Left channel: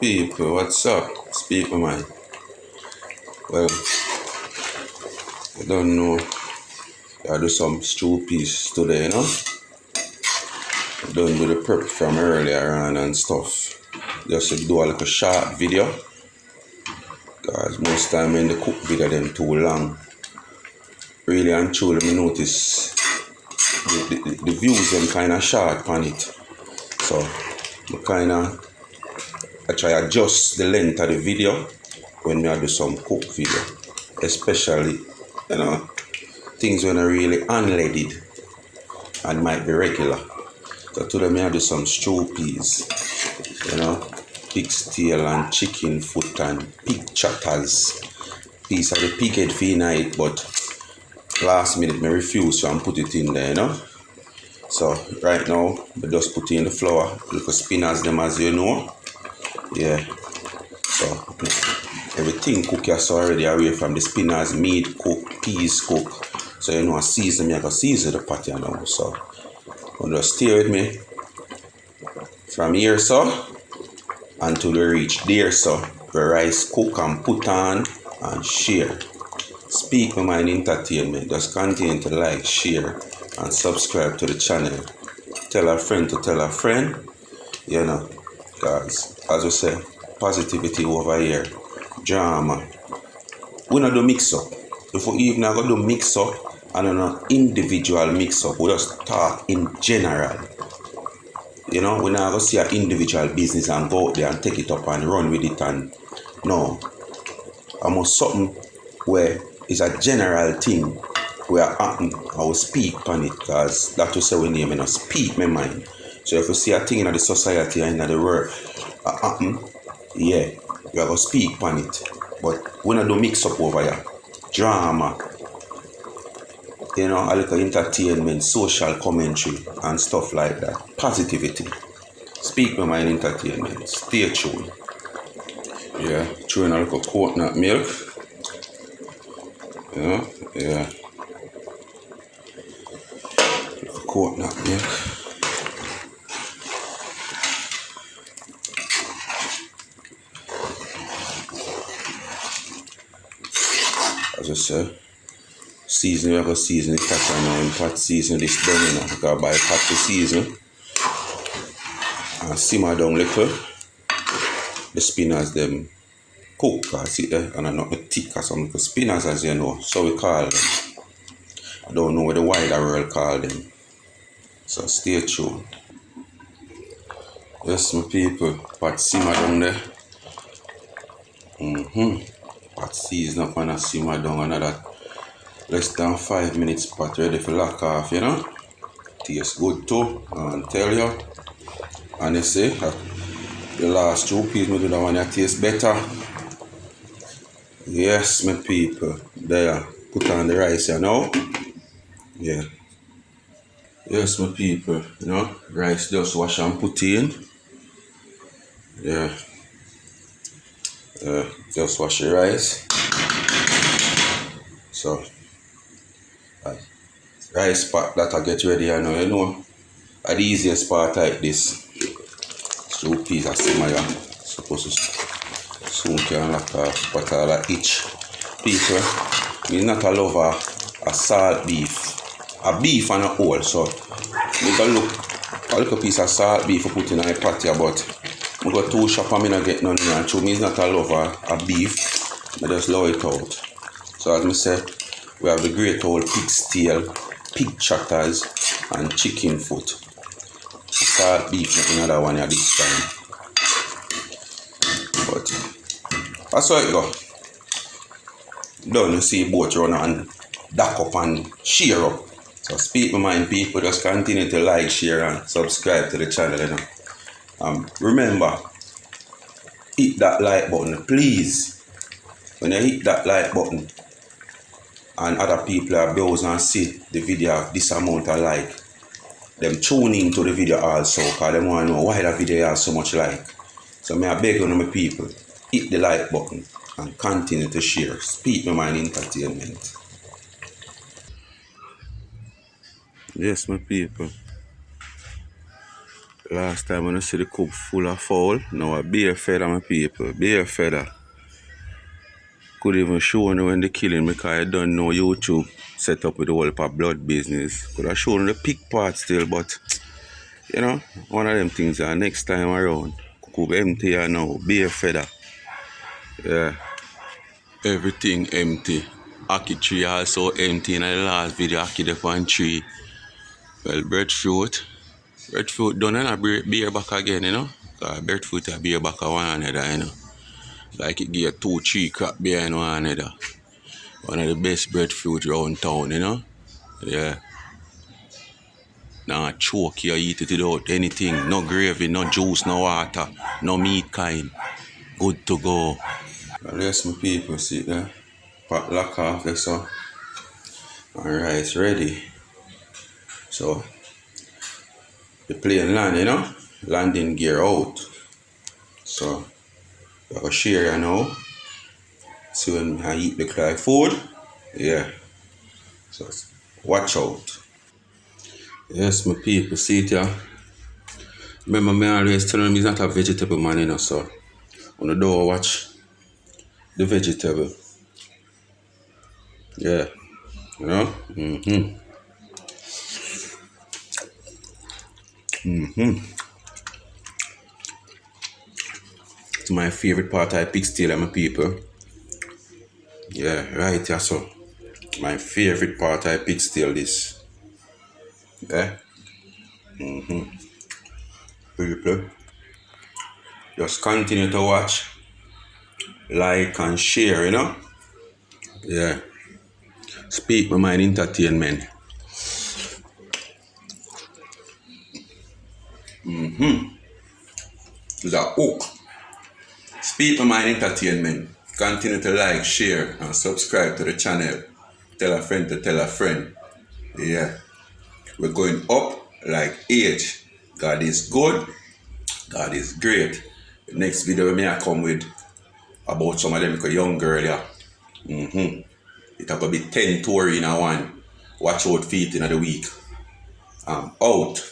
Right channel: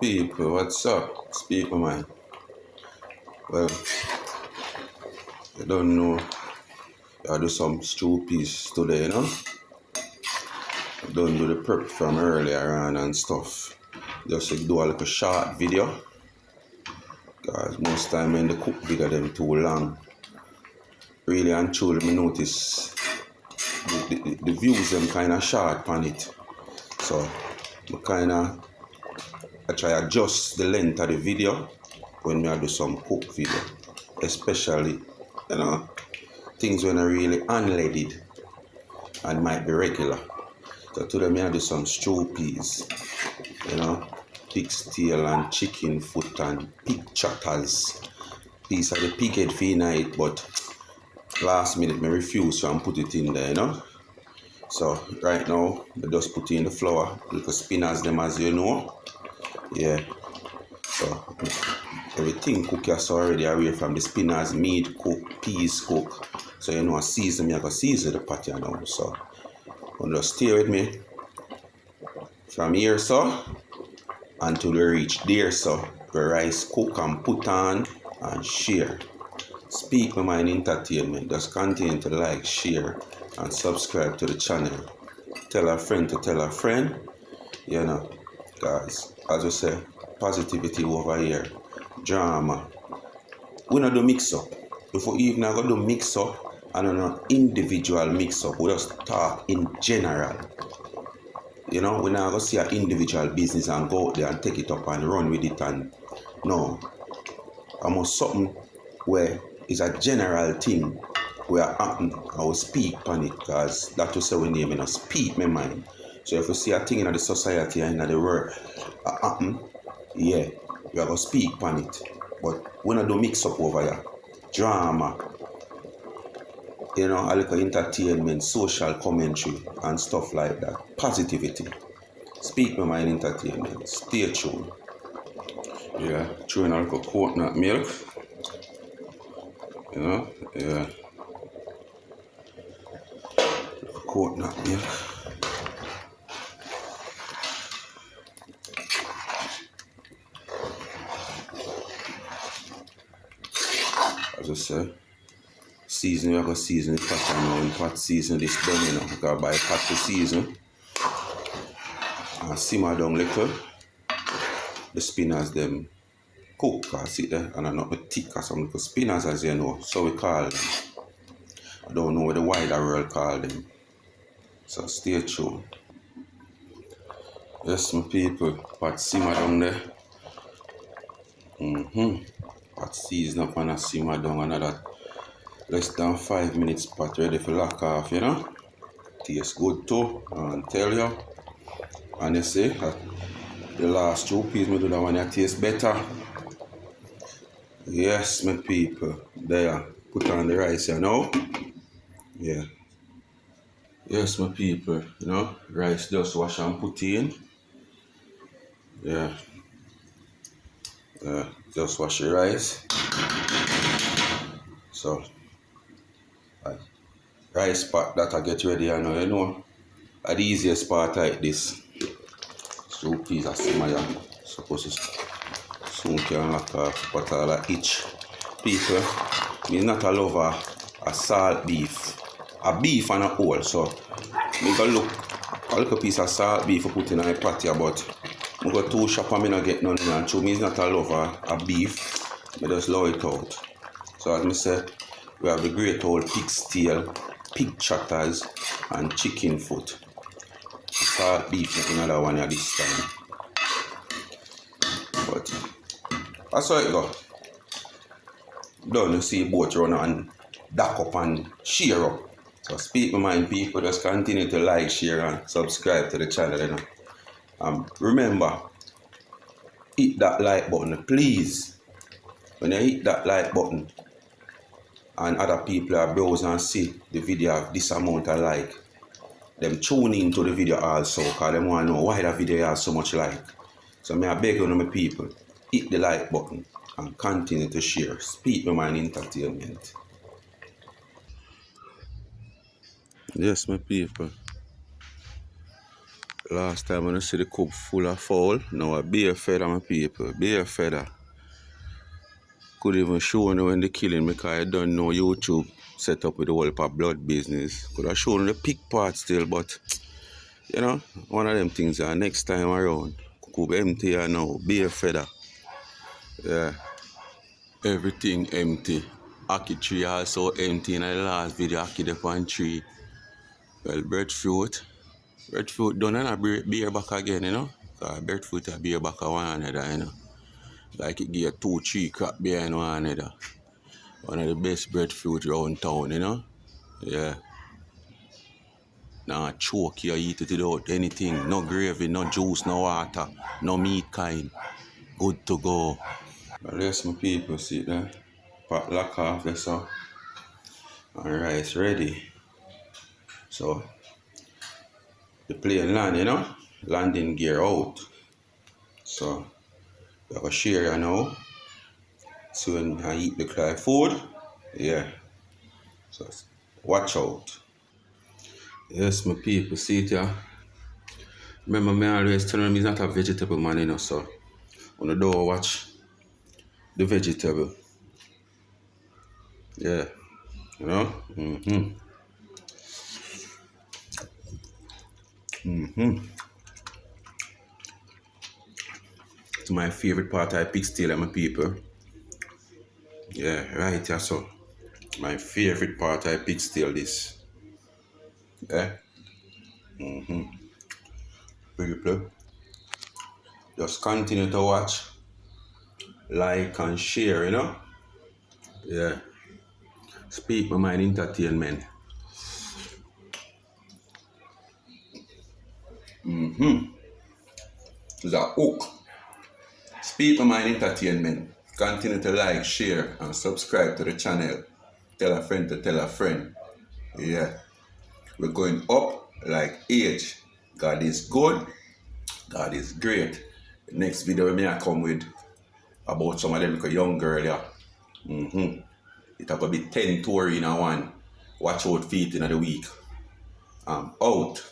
People, what's up? Speak my mind. Well, I don't know. I do some stew piece today, you know? I done with the prep from earlier on and stuff. Just to do a little short video. Because most time when the cook video them too long. Really and truly me notice the views them kinda short on it. So I try adjust the length of the video when I do some cook video. Especially, things when are really unleaded and might be regular. So today I do some stew peas, pig's tail and chicken foot and pig chatters. Piece of the pig head for night, but last minute I refuse to and put it in there, So right now I just put in the flour, little spinners them as you know. Yeah. So everything cook so already away from the spinners, meat cook, peas cook. So I season I go season the pot now. So you just stay with me from here so until we reach there so the rice cook and put on and share. Speak My Mind Entertainment. Just continue to like, share and subscribe to the channel. Tell a friend to tell a friend. Guys, as we say, positivity over here. Drama. We not do mix up. If we even go do mix up and an individual mix up, we just talk in general. We not go see an individual business and go out there and take it up and run with it and no. Almost something where it's a general thing where happen, I will speak on it because that will say we name it, speak my mind. So if you see a thing in the society and in the world happen, yeah, we are going to speak on it. But we not do mix up over here. Drama, a little entertainment, social commentary and stuff like that. Positivity. Speak My Mind Entertainment. Stay tuned. Yeah, throwing a little coconut milk. Yeah. Coconut milk. As I said, season, we're going to season the pot now. In pot season this done, because by pot to season and simmer down little, the spinners them cook, see there, and not the thick or some little spinners as you know, so we call them. I don't know what the wider world call them. So stay tuned. Yes, my people, pot simmer down there. Pot season up and a simmer down another less than 5 minutes, pot ready for lock off, Tastes good too, and tell you. And they say that the last 2 peas we do that one that tastes better. Yes, my people. There. Put on the rice now. Yeah. Yes, my people. Rice just wash and put in. Yeah. Just wash the rice. So, rice pot that I get ready, the easiest part like this. So peas are simmer, supposed to soon can lock off, but I like each people. Me not a lover a salt beef. A beef and a whole, so me go look a little piece of salt beef for put in a pot here, but I go to shop and me not get none and so me is not a lover a beef. I just love it out. So as I said, we have the great old pig's tail, pig chatters and chicken foot. Salt beef another one at this time. But that's how it go. Done, you see both run and duck up and share up. So Speak My Mind people, just continue to like, share and subscribe to the channel, remember, hit that like button, please. When you hit that like button and other people are browse and see the video have this amount of like, them tune in to the video also because they want to know why the video has so much like. So I beg on my people, hit the like button and continue to share. Speak My Mind Entertainment. Yes, my people. Last time when I see the coop full of fowl, now a beer feather, my people, beer feather. Could even show you when they killing because I don't know YouTube set up with the whole blood business. Could have shown the pig part still, but you know, one of them things are next time around. Coop empty now, beer feather. Yeah. Everything empty. Aki tree also empty in the last video. Aki the one tree. Well, breadfruit. Breadfruit done and a beer back again, you know. Breadfruit a beer back one another, you know. Like it give 2-3 crap behind one another. One of the best breadfruit around town, you know. Yeah. Nah, choke you eat it without anything. No gravy, no juice, no water, no meat kind. Good to go. Yes, my people, see that. Pot lock off this so. Alright, it's ready. So the plane land, you know, landing gear out. So I go share you now. So when I eat the cry food, yeah. So watch out. Yes, my people, see it yeah. Remember me always telling them he's not a vegetable man, you know, so on the door watch the vegetable. Yeah. You know? It's my favorite part of pig steal, my people. Yeah, right, yeah, so. My favorite part of pig steal this. Okay? People. Just continue to watch, like and share, you know? Yeah. Speak my mind entertainment. It's a hook. Speak my mind entertainment. Continue to like, share, and subscribe to the channel. Tell a friend to tell a friend. Yeah. We're going up like age. God is good. God is great. The next video may I come with about some of them like a young girl, yeah. It'll go be 10 tour in a one. Watch out feet in the week. I'm out.